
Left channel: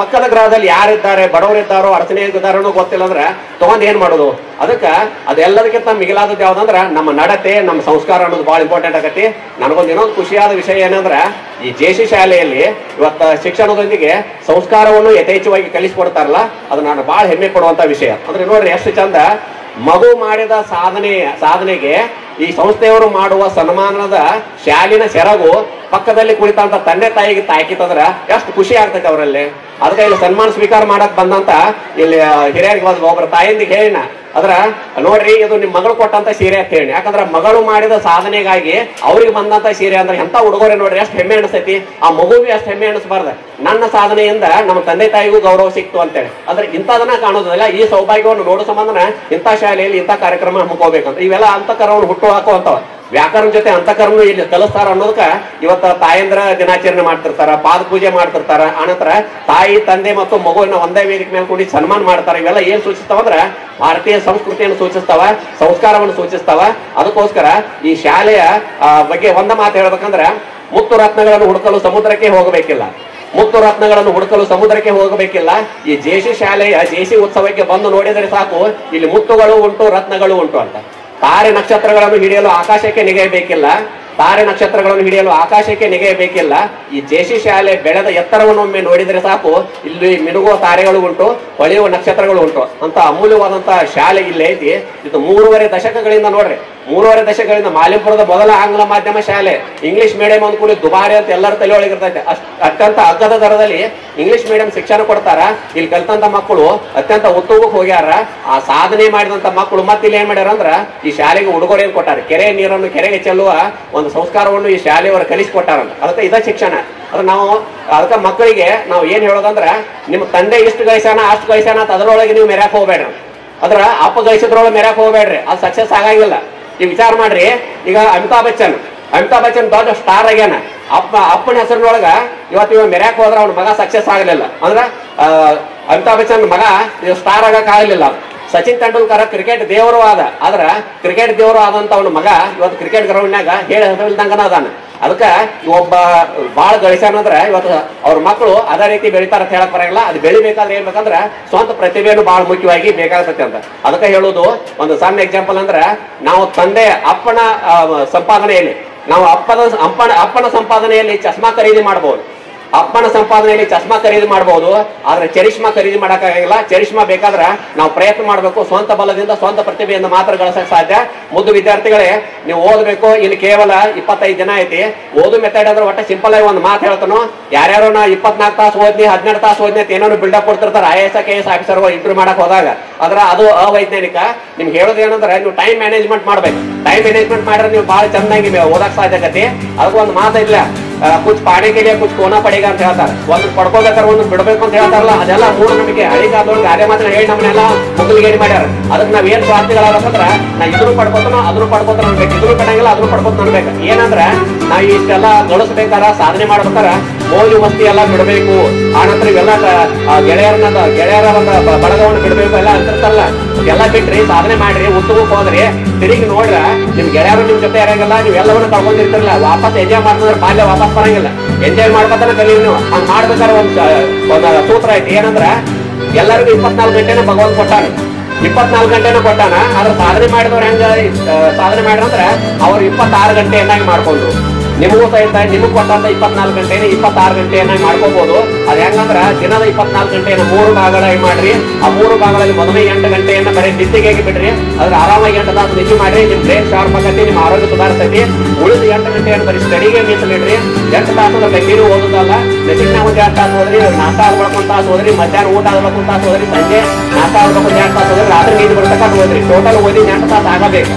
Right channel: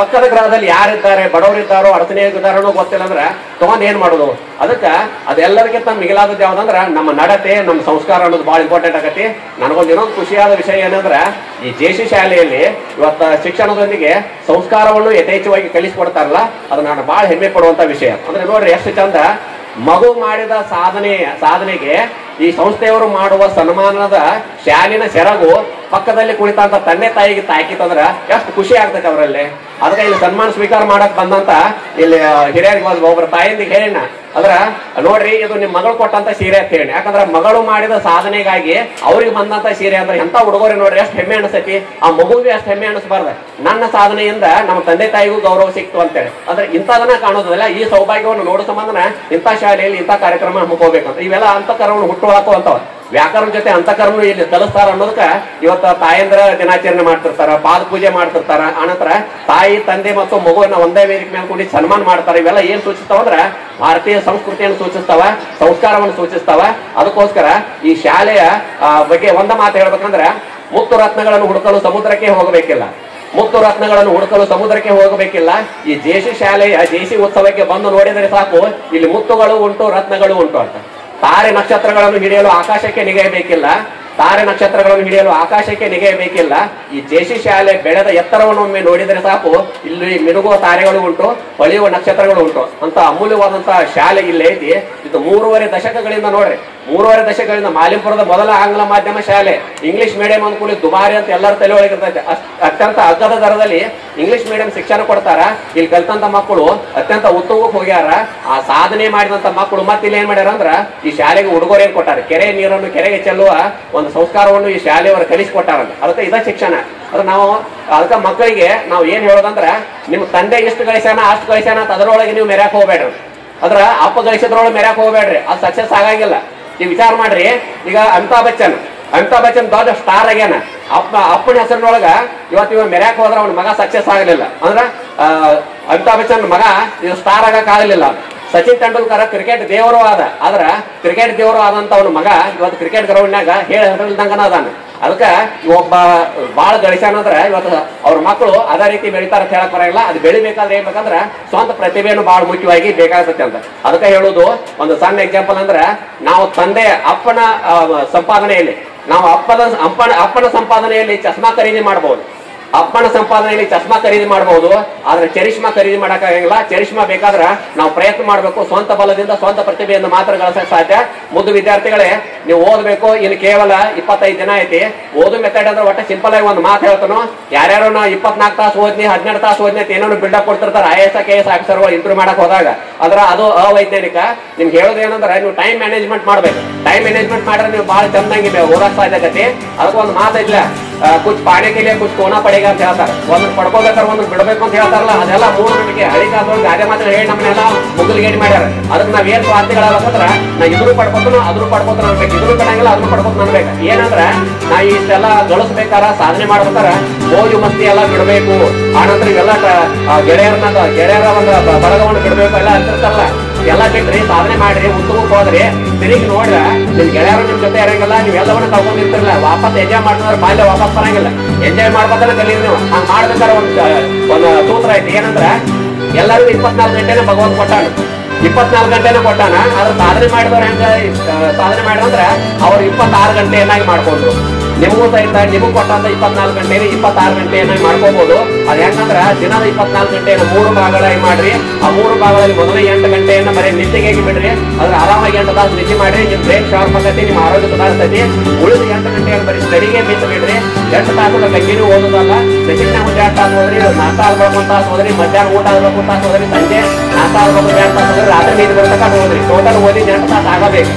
ಪಕ್ಕದ ಗ್ರಹದಲ್ಲಿ ಯಾರಿದ್ದಾರೆ, ಬಡವರಿದ್ದಾರೋ ಅಡಚಣೆಗಿದ್ದಾರೋ ಅನ್ನೋ ಗೊತ್ತಿಲ್ಲ ಅಂದ್ರೆ ತಗೊಂಡ್ ಏನ್ ಮಾಡೋದು? ಅದಕ್ಕೆ ಅದೆಲ್ಲದಕ್ಕಿಂತ ಮಿಗಿಲಾದದ್ದು ಯಾವ್ದಂದ್ರ ನಮ್ಮ ನಡತೆ, ನಮ್ಮ ಸಂಸ್ಕಾರ ಅನ್ನೋದು ಬಹಳ ಇಂಪಾರ್ಟೆಂಟ್ ಆಗತ್ತೆ. ನನಗೊಂದು ಇನ್ನೊಂದು ಖುಷಿಯಾದ ವಿಷಯ ಏನಂದ್ರ, ಈ ಜೆಸಿ ಶಾಲೆಯಲ್ಲಿ ಇವತ್ತ ಶಿಕ್ಷಣದೊಂದಿಗೆ ಸಂಸ್ಕಾರವನ್ನು ಯಥೇಚ್ಛವಾಗಿ ಕಲಿಸ್ಕೊಡ್ತಾರಲ್ಲ, ಅದು ನಾನು ಬಹಳ ಹೆಮ್ಮೆ ಪಡುವಂತ ವಿಷಯ. ಅಂದ್ರೆ ನೋಡ್ರಿ ಎಷ್ಟು ಚಂದ, ಮಗು ಮಾಡಿದ ಸಾಧನೆಗೆ ಈ ಸಂಸ್ಥೆಯವರು ಮಾಡುವ ಸನ್ಮಾನದ ಶಾಲಿನ ಸೆರಗು ಪಕ್ಕದಲ್ಲಿ ಕುಳಿತಂತ ತಂದೆ ತಾಯಿಗೆ ತಾಕಿತಂದ್ರ ಎಷ್ಟು ಖುಷಿ ಆಗ್ತೈತೆ ಅವರಲ್ಲಿ. ಅದಕ್ಕೆ ಇಲ್ಲಿ ಸನ್ಮಾನ ಸ್ವೀಕಾರ ಮಾಡಕ್ ಬಂದಂತ ಇಲ್ಲಿ ಹಿರಿಯರಿಗೆ ಒಬ್ಬರ ತಾಯಿಂದಿಗೆ ಹೇಳಿನ, ಅದ್ರ ನೋಡ್ರಿ ಇದು ನಿಮ್ ಮಗಳು ಕೊಟ್ಟಂತ ಸೀರೆ ಅಂತ ಹೇಳಿ. ಯಾಕಂದ್ರ ಮಗಳು ಮಾಡಿದ ಸಾಧನೆಗಾಗಿ ಅವ್ರಿಗೆ ಬಂದಂತ ಸೀರೆ ಅಂದ್ರೆ ಎಂತ ಉಡುಗೊರೆ ನೋಡ್ರಿ, ಎಷ್ಟು ಹೆಮ್ಮೆ ಅನಿಸ್ತೈತಿ. ಆ ಮಗುವಿಗೆ ಅಷ್ಟು ಹೆಮ್ಮೆ ಅನಿಸ್ಬಾರ್ದ, ನನ್ನ ಸಾಧನೆಯಿಂದ ನಮ್ಮ ತಂದೆ ತಾಯಿಗೂ ಗೌರವ ಸಿಕ್ತು ಅಂತೇಳಿ. ಅಂದ್ರೆ ಇಂಥದನ್ನ ಕಾಣೋದಲ್ಲ, ಈ ಸೌಭಾಗ್ಯವನ್ನು ನೋಡೋ ಸಂಬಂಧನ ಇಂಥ ಶಾಲೆಯಲ್ಲಿ ಇಂಥ ಕಾರ್ಯಕ್ರಮ ಹಮ್ಮಿಕೋಬೇಕಂತ. ಇವೆಲ್ಲ ಅಂತಃಕರವನ್ನು ಹುಟ್ಟು ಹಾಕುವಂತವ. ವ್ಯಾಕರಣ ಜೊತೆ ಅಂತಃಕರಣ ಇಲ್ಲಿ ಕಲಿಸ್ತಾರ ಅನ್ನೋದಕ್ಕ ಇವತ್ತ ತಾಯಂದ್ರ ದಿನಾಚರಣೆ ಮಾಡ್ತಿರ್ತಾರ, ಪಾದ ಪೂಜೆ ಮಾಡ್ತಿರ್ತಾರ. ಆನಂತರ ತಾಯಿ ತಂದೆ ಮತ್ತು ಮಗುವನ್ನ ಒಂದೇ ವೇದಿಕೆ ಮೇಲೆ ಕೂಡಿ ಸನ್ಮಾನ ಮಾಡ್ತಾರೆ. ಇವೆಲ್ಲ ಏನ್ ಸೂಚಿಸ್ತಾವಂದ್ರ ಭಾರತೀಯ ಸಂಸ್ಕೃತಿಯನ್ನು ಸೂಚಿಸ್ತಾವ, ಸಂಸ್ಕಾರವನ್ನು ಸೂಚಿಸ್ತಾವ. ಅದಕ್ಕೋಸ್ಕರ ಈ ಶಾಲೆಯ ಬಗ್ಗೆ ಒಂದ ಮಾತು ಹೇಳ್ಬೇಕಂದ್ರ, ಮುತ್ತು ರತ್ನಗಳನ್ನು ಹುಡುಕಲು ಸಮುದ್ರಕ್ಕೆ ಹೋಗಬೇಕಿಲ್ಲ, ಮುತ್ತು ರತ್ನಗಳನ್ನು ಹುಡುಕಲು ಸಮುದ್ರಕ್ಕೆ ಹೋಗಬೇಕಿಲ್ಲ. ಈ ಜೆಸಿ ಶಾಲೆಯ ಜೆಸಿ ಉತ್ಸವಕ್ಕೆ ಬಂದು ನೋಡಿದರೆ ಸಾಕು, ಇಲ್ಲಿ ಮುತ್ತುಗಳು ಉಂಟು, ರತ್ನಗಳು ಉಂಟು ಅಂತ. ತಾರೆ ನಕ್ಷತ್ರಗಳನ್ನು ಹಿಡಿಯಲು ಆಕಾಶಕ್ಕೆ ನಿಗೆಯಬೇಕಿಲ್ಲ, ತಾರೆ ನಕ್ಷತ್ರಗಳನ್ನು ಹಿಡಿಯಲು ಆಕಾಶಕ್ಕೆ ನಿಗೆಯಬೇಕಿಲ್ಲ. ಈ ಜೆಸಿ ಶಾಲೆ ಬೆಳೆದ ಎತ್ತರವನ್ನು ಒಮ್ಮೆ ನೋಡಿದರೆ ಸಾಕು, ಇಲ್ಲಿ ಮಿನುಗುವ ತಾರೆಗಳು ಉಂಟು, ಹೊಳೆಯುವ ನಕ್ಷತ್ರಗಳು ಉಂಟು ಅಂತ ಅಮೂಲ್ಯವಾದಂತಹ ಶಾಲೆ ಇಲ್ಲಿ ಐತಿ. ಇದು 3.5 ದಶಕಗಳಿಂದ ನೋಡ್ರಿ, 3.5 ದಶಕಗಳಿಂದ ಮಾಲಿಂಪುರದ ಮೊದಲ ಆಂಗ್ಲ ಮಾಧ್ಯಮ ಶಾಲೆ. ಇಂಗ್ಲಿಷ್ ಮೀಡಿಯಂ ಅಂದ ಕೂಡ ದುಬಾರಿ ಅಂತ ಎಲ್ಲರ ತಲೆ ಒಳಗಿರ್ತೈತೆ. ಅತ್ಯಂತ ಅಗ್ಗದ ದರದಲ್ಲಿ ಇಂಗ್ಲಿಷ್ ಮೀಡಿಯಂ ಶಿಕ್ಷಣ ಕೊಡ್ತಾರ. ಇಲ್ಲಿ ಕಲ್ತಂತ ಮಕ್ಕಳು ಅತ್ಯಂತ ಉತ್ತುಂಗಕ್ಕೆ ಹೋಗ್ಯಾರ. ಆ ಸಾಧನೆ ಮಾಡಿದಂತ ಮಕ್ಕಳು ಮತ್ತೆ ಇಲ್ಲಿ ಏನ್ ಮಾಡ್ಯಾರ ಅಂದ್ರ ಈ ಶಾಲೆಗೆ ಉಡುಗೊರೆಯನ್ನು ಕೊಟ್ಟಾರ. ಕೆರೆ ನೀರನ್ನು ಕೆರೆಗೆ ಚೆಲ್ಲುವ ಒಂದು ಸಂಸ್ಕಾರವನ್ನು ಈ ಶಾಲೆಯವರು ಕಲಿಸಿಕೊಟ್ಟಾರ. ಅದಕ್ಕೆ ಇದ ಶಿಕ್ಷಣ. ಅದ್ರ ನಾವು ಅದಕ್ಕೆ ಮಕ್ಕಳಿಗೆ ನಾವು ಏನ್ ಹೇಳೋದಂದ್ರ, ನಿಮ್ ತಂದೆ ಇಷ್ಟು ಗಳಿಸ್ಯಾನ ಅಷ್ಟು ಗಳಿಸ್ಯಾನ ಅಂತ ಅದರೊಳಗೆ ನೀವು ಮೆರ್ಯಾಕ್ ಹೋಗ್ಬೇಡ್ರಿ. ಅದ್ರ ಅಪ್ಪ ಗಳಿಸಿದ್ರೊಳಗೆ ಮೆರ್ಯಾಕ್ ಹೋಗ್ಬೇಡ್ರಿ, ಅದು ಸಕ್ಸಸ್ ಆಗಂಗಿಲ್ಲ. ನೀವು ವಿಚಾರ ಮಾಡ್ರಿ, ಈಗ ಅಮಿತಾಬ್ ಬಚ್ಚನ್ ದೊಡ್ಡ ಸ್ಟಾರ್ ಆಗ್ಯಾನ. ಅಪ್ಪನ ಹೆಸರಿನೊಳಗ ಇವತ್ತು ಇವ್ ಮೆರ್ಯಾಕ್ ಹೋದ್ರ ಅವ್ನ ಮಗ ಸಕ್ಸಸ್ ಆಗಲಿಲ್ಲ. ಅಂದ್ರ ಅಮಿತಾಬ್ ಬಚ್ಚನ್ ಮಗ ಸ್ಟಾರ್ ಆಗಕ್ ಆಗಲಿಲ್ಲ. ಸಚಿನ್ ತೆಂಡೂಲ್ಕರ್ ಕ್ರಿಕೆಟ್ ದೇವರು ಆದ್ರ ಕ್ರಿಕೆಟ್ ದೇವರು ಆದಂತ ಅವನ ಮಗ ಇವತ್ತು ಕ್ರಿಕೆಟ್ ಗ್ರೌಂಡ್ನಾಗ ಹೇಳಿದಂಗನ ಅದಾನ. ಅದಕ್ಕ ಒಬ್ಬ ಬಾಳ ಗಳಿಸ್ಯಾನಂದ್ರ ಇವತ್ತು ಅವ್ರ ಮಕ್ಕಳು ಅದೇ ರೀತಿ ಬೆಳಿತಾರ ಅಂತ ಹೇಳಕ್ ಬರಂಗಿಲ್ಲ. ಅದು ಬೆಳಿಬೇಕಾದ್ರೆ ಏನ್ ಬೇಕಂದ್ರ ಸ್ವಂತ ಪ್ರತಿಭೆಯನ್ನು ಬಹಳ ಮುಖ್ಯವಾಗಿ ಬೇಕಾಗತ್ತೆ ಅಂತ. ಅದಕ್ಕೆ ಹೇಳುದು ಒಂದು ಸಣ್ಣ ಎಕ್ಸಾಂಪಲ್ ಅಂದ್ರ, ನಾವು ತಂದೆ ಅಪ್ಪನ ಸಂಪಾದನೆಯಲ್ಲಿ, ನಾವು ಅಪ್ಪನ ಸಂಪಾದನೆಯಲ್ಲಿ ಚಸ್ಮಾ ಖರೀದಿ ಮಾಡಬಹುದು, ಅಪ್ಪನ ಸಂಪಾದನೆಯಲ್ಲಿ ಚಸ್ಮಾ ಖರೀದಿ ಮಾಡಬಹುದು. ಆದ್ರೆ ಚರಿಷ್ಮಾ ಖರೀದಿ ಮಾಡಕ್ಕಾಗಂಗಿಲ್ಲ. ಚರಿಷ್ಮಾ ಬೇಕಾದ್ರ ನಾವು ಪ್ರಯತ್ನ ಮಾಡಬೇಕು, ಸ್ವಂತ ಬಲದಿಂದ ಸ್ವಂತ ಪ್ರತಿಭೆಯಿಂದ ಮಾತ್ರ ಗಳಿಸಕ್ ಸಾಧ್ಯ. ಮುದ್ದು ವಿದ್ಯಾರ್ಥಿಗಳೇ, ನೀವು ಓದಬೇಕು. ಇನ್ನು ಕೇವಲ 25 ದಿನ ಐತಿ. ಓದು ಮೆಥಡ್ ಅಂದ್ರೆ ಒಟ್ಟ ಸಿಂಪಲ್ ಆಗಿ ಒಂದು ಮಾತು ಹೇಳ್ತಾನು. ಯಾರ್ಯಾರು ನಾ 24 ತಾಸು ಓದ್ನಿ 12 ತಾಸು ಓದ್ನಿ ಏನೋ ಬಿಲ್ಡಪ್ ಕೊಡ್ತಿರ್ತಾರೆ IAS KS ಆಫೀಸರ್ ಇಂಟರ್ವ್ಯೂ ಮಾಡಕ್ ಹೋದಾಗ. ಅದ್ರ ಅದು ಅವೈಜ್ಞಾನಿಕ. ನಿಮ್ಗೆ ಹೇಳೋದು ಏನಂದ್ರೆ ನೀವು ಟೈಮ್ ಮ್ಯಾನೇಜ್ಮೆಂಟ್ ಮಾಡ್ಬೇಕು. ಟೈಮ್ ಮ್ಯಾನೇಜ್ಮೆಂಟ್ ಮಾಡಿದ್ರೆ ನೀವು ಬಹಳ ಚೆನ್ನಾಗಿ ಓದಕ್ ಸಾಧ್ಯ ಆಗತ್ತೆ. ಅದಕ್ಕೊಂದು ಮಾತು ಇಲ್ಲ, ಕುಚ್ ಪಾಡೆ ಕೇಳಿಯ ಕುಚ್ ಕೋನಾ ಪಡೆಗ ಅಂತ ಹೇಳ್ತಾರೆ. ಒಂದು ಪಡ್ಕೋಬೇಕಾದ್ರೆ ಒಂದು ಬಿಡಬೇಕು ಅಂತ ಹೇಳ್ತಾರಲ್ಲ, ಅದೆಲ್ಲ ಮೂಢನಂಬಿಕೆ. ಹಳಿಕಾಲದೊಳಗೆ ಗಾದೆ ಮಾತ್ರ ಹೇಳಿ ನಮ್ಮನ್ನೆಲ್ಲ ಮೊದಲಿಗೇರಿ ಮಾಡ್ಯಾರ. ಅದಕ್ಕೆ ನಾವ್ ಏನ್ ಸ್ವಾರ್ಥಿಗಳಾಗಬೇಕಂದ್ರ, ನಾ ಇದ್ರು ಪಡ್ಕೋತಾನ ಅದ್ರು ಪಡ್ಕೋತಾನ ಅನ್ಬೇಕು, ಇದ್ರು ಪಡಂಗಿಲ್ಲ ಅದ್ರು ಪಡ್ಕೋತ ಅನ್ಬೇಕು. ಏನಂದ್ರ ನಾ ಇಷ್ಟೆಲ್ಲ ಗಳಿಸ್ಬೇಕಾರ ಸಾಧನೆ ಮಾಡ್ಬೇಕಾರ ಮೋಜು ಮಸ್ತಿ ಎಲ್ಲ ಬಿಡಬೇಕು. ಆನಂತರ ಇವೆಲ್ಲ ಗೆಳೆಯರ ಒಂದು ಬಡಗವನ್ನು ಬಿಡ್ಬೇಕು ಎಲ್ಲ ಅಂತಿರ್ತಾರಲ್ಲ, ಎಲ್ಲ ಬಿಟ್ರಿ ಸಾಧನೆ ಮಾಡ್ರಿ, ಉತ್ತಮಕ್ಕೆ ಹೋದ್ರಿ. ತಿರುಗಿ ನೋಡ್ರ ನಿಮ್ ಗೆಳೆಯರು ನಿಮ್ ಜೊತೆ ಇರಂಗಿಲ್ಲ, ನೀವೆಲ್ಲವನ್ನ ತಗೊಂಡಿರ್ತಿರಲ್ಲ. ವಾಪಸ್ ಎಂಜಾಯ್ ಮಾಡಿದ್ರೆ ಬಾಲ್ಯ ವಾಪಸ್ ಬರಂಗಿಲ್ಲ. ಎಂಜಾಯ್ ಮಾಡ್ಬೇಕಾದ್ರೆ ಕಲೀರಿ ನೀವು. ಹಂಗ್ ಮಾಡ್ಬೇಕಾದ್ರೆ ಒಂದು ಸೂತ್ರ ಐತಿ. ಏನಂದ್ರ ಎಲ್ಲರಿಗೂ 24 ಗಂಟೆನೂ ಭಗವಂತ ಕೊಟ್ಟಾನ, 24 ಗಂಟೆನೂ ಕೊಟ್ಟಾನ. ಆದ್ರೆ ಸಾಧನೆ ಮಾಡಿದವ್ರು ಹೆಂಗ ಸಾಧನೆ ಮಾಡಿದ್ರ ಅವ್ರು 26 ಗಂಟೆಯನ್ನಾಗಿ ಮಾಡ್ಕೊಂಡು, ನಿಮಗೂ ಸಹಿತ ನಿಮಗ್ ಕೊಟ್ಟಂತ 24 ಗಂಟೆನ 26 ಗಂಟೆಯನ್ನಾಗಿ ಮಾಡ್ಕೋಬಹುದು. ಅದ್ ಹೆಂಗಂದ್ರ ದಿನದ 24 ಗಂಟೆಯನ್ನು 3 ಭಾಗಗಳಾಗಿ ಮಾಡ್ರಿ. ಆ 3 ಭಾಗಗಳಲ್ಲಿ ಮೊದಲನೇ 8 ಗಂಟೆಯನ್ನು ಬರೀ ನಿದ್ದೆಗೆ ಬಿಡ್ರಿ. ಅದ್ರ ಆರಾಮಾಗಿ 8 ತಾಸು ನಿದ್ದೆ ಮಾಡ್ರಿ. ನಿಮ್ ಬ್ರೈನ್ ಶಾರ್ಪ್ ಆಗತ್ತೆ, ನಿಮ್ ಆರೋಗ್ಯ ಸುಧಾರಿಸ್ತೈತಿ. ಉಳಿದ 8 ಗಂಟೆಯನ್ನು ಬರೀ ಸ್ಟಡಿಗೆ ಮೀಸಲಿಡ್ರಿ. 8 ತಾಸು ಕಂಟಿನ್ಯೂ ಓದುದಲ್ಲ. ಬೆಳಗಿನ ಒಂದು 2 ತಾಸು ಹೋದ್ರಿ, ನಾಷ್ಟ ಆಗಬೇಕು 1 ತಾಸು ಹೋದ್ರಿ, ಮಧ್ಯಾಹ್ನ ಊಟ ಆಗಬೇಕು 1 ತಾಸು ಹೋದ್ರಿ, ಸಂಜೆ ನಾಷ್ಟ ಆಗಬೇಕು 2 ತಾಸು ಹೋದ್ರಿ, ರಾತ್ರಿ ನೀರು ಬರ್ತಕ್ಕ ಹೋದ್ರಿ. ಟೋಟಲ್ ಓದಿ 8 ತಾಸು ಆಗಬೇಕು.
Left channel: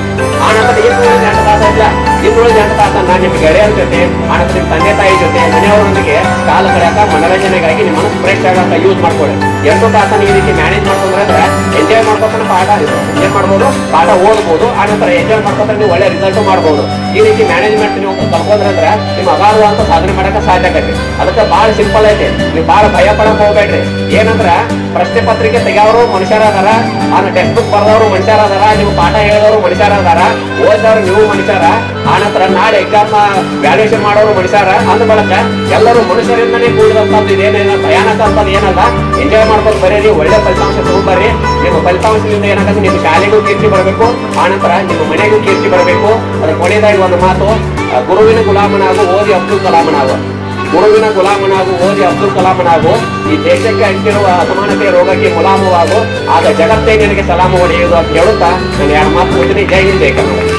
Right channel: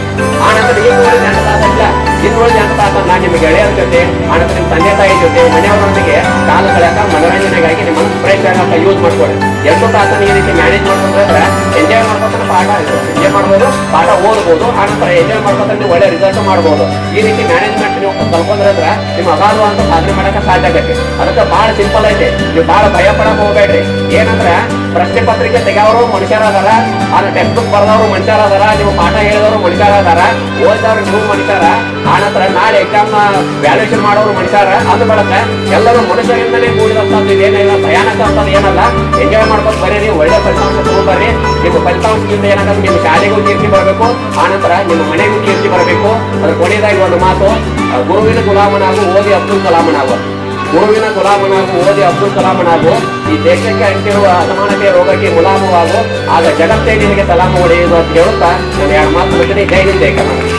ಆನಂತರ ಏನು 8 ತಾಸು ಇಲ್ಲ, ಇನ್ನು 8 ತಾಸನ್ನ ನಿಮ್ಮ ಗೆಳೆಯರ ಜೊತೆ, ಆನಂತರ ನಿಮ್ಮ ತಂದೆ ತಾಯಿ ಜೊತೆ, ಮನೆಯವರೊಂದಿಗೆ ಕಾಲ ಕಳೆಯಕ ಮನರಂಜನೆಗಾಗಿ ನಿಮ್ಮ ಫ್ರೆಶ್ ಆಗಿ ಯೂಸ್ ಮಾಡ್ಕೊಳ್ಳಿ. 8 ತಾಸನ್ನ ಈ ರೀತಿ ಮ್ಯಾನೇಜ್ ಮಾಡ್ಕೊಂಡ್ರೆ ಎಂಜಾಯ್ ಮಾಡ್ಕೊಂಡು ಪಾಠ ಎಂಜಾಯ್ ಮಾಡ್ಬೋದು, ಪಾಠ ಓದ್ಬೋದು. ಆನಂತರ ಎಂಜಾಯ್ ಮಾಡ್ಕೊಂಡ್ರೆ ನೀವು ಒಳ್ಳೆ ರಿಸಲ್ಟ್ ಮಾಡ್ಬೋದು. ಈ ರೀತಿ ಮ್ಯಾನೇಜ್ಮೆಂಟ್ ನೀವು ಕಲ್ಕೊಂಡ್ರೆ ನಿಮ್ಮ ಅಗಾಧವಾದಂತ ಸಾಧನೆ ಮಾಡಕ್ಕೆ ಸಾಧ್ಯ ಆಗತ್ತೆ. ಅದಕ್ಕೆ ಬಹಳ ಸಿಂಪಲ್ ಐತಿ. ನೀವು ಬಹಳ ಭಯ ಪಡಕ್ ಹೋಗ್ಬೇಡ್ರಿ. ಏನಂದ್ರ ಪ್ರಶ್ನೆ ಪತ್ರಿಕೆ ತೆಗೆಯವರು ಮನುಷ್ಯರಾದಾರ, ಟೆಕ್ಸ್ಟ್ ಬುಕ್ ಬರೆದವರು ಮನುಷ್ಯರಾದಾರ, ನೀವು ಪಾಠ ಹೇಳಿದವರು ಮನುಷ್ಯರಾದಾರ, ಓದಿದವರು ನೀವು ಮನುಷ್ಯರ. ಆನಂತರ ನಾಳೆ ಎಕ್ಸಾಮ್ ವ್ಯಾಲ್ಯೂಷನ್ ಮಾಡೋರು ಮನುಷ್ಯರ ಅಂದ ಬಳಕ ಎಲ್ಲರೂ ಮನುಷ್ಯರಿಂದಲೇ ಕೂಡಿದಂತದ್ದು ಇದೇನೇನು ಭಯಾನಕ ಅಂತದ್ದು ಏನಲ್ಲ. ಎಂಜಾಯ್ ಮಾಡ್ಕೊಂಡು ಬರೀರಿ, ಒಳ್ಳೆ ಫಲಿತಾಂಶ ತಗೊಂಡ್ಬರ್ರಿ. ನಿಮ್ಮ ಫಲಿತಾಂಶದಿಂದ ಏನಾಗುತ್ತೆ, ನಿಮ್ಮ ಶಾಲೆಗೂ ಕೀರ್ತಿ ಬರಬೇಕು, ಆನಂತರ ನಿಮ್ಮ ಮನೆಗೂ ಕೀರ್ತಿ ಬರಬೇಕು. ಅದಕ್ಕೆ ಕೊನೆಯದಾಗಿ ಒಂದು ಮಾತು, ಗುರುವಿನ ಗುಲಾಮನಾಗು ಓದಿ ಅಬ್ದುಲ್ ಕಲಾಮನಾಗು. ಗುರುವಿನ ಗುಲಾಮನಾಗು ಓದಿ ಅಬ್ದುಲ್ ಕಲಾಮನಾಗು. ಈ ದೇಶಕ್ಕೆ ಅಂಟಿರುವ ಅಸಮಾನತೆಯ ರೋಗಕ್ಕೆ ಗುಲಾಮವಾಗು, ಆಗ ಜಗತ್ತೇ ನಿನಗೆ ಸಲಾಮ ಹೊಡೆಯುವುದು ಅಂತ ಹೇಳುತ್ತಾ ನಾನು 2 ಮಾತು ಹೇಳ್ತೀನಿ. ಜೈ ಹಿಂದ್, ಜೈ ಕರ್ನಾಟಕ.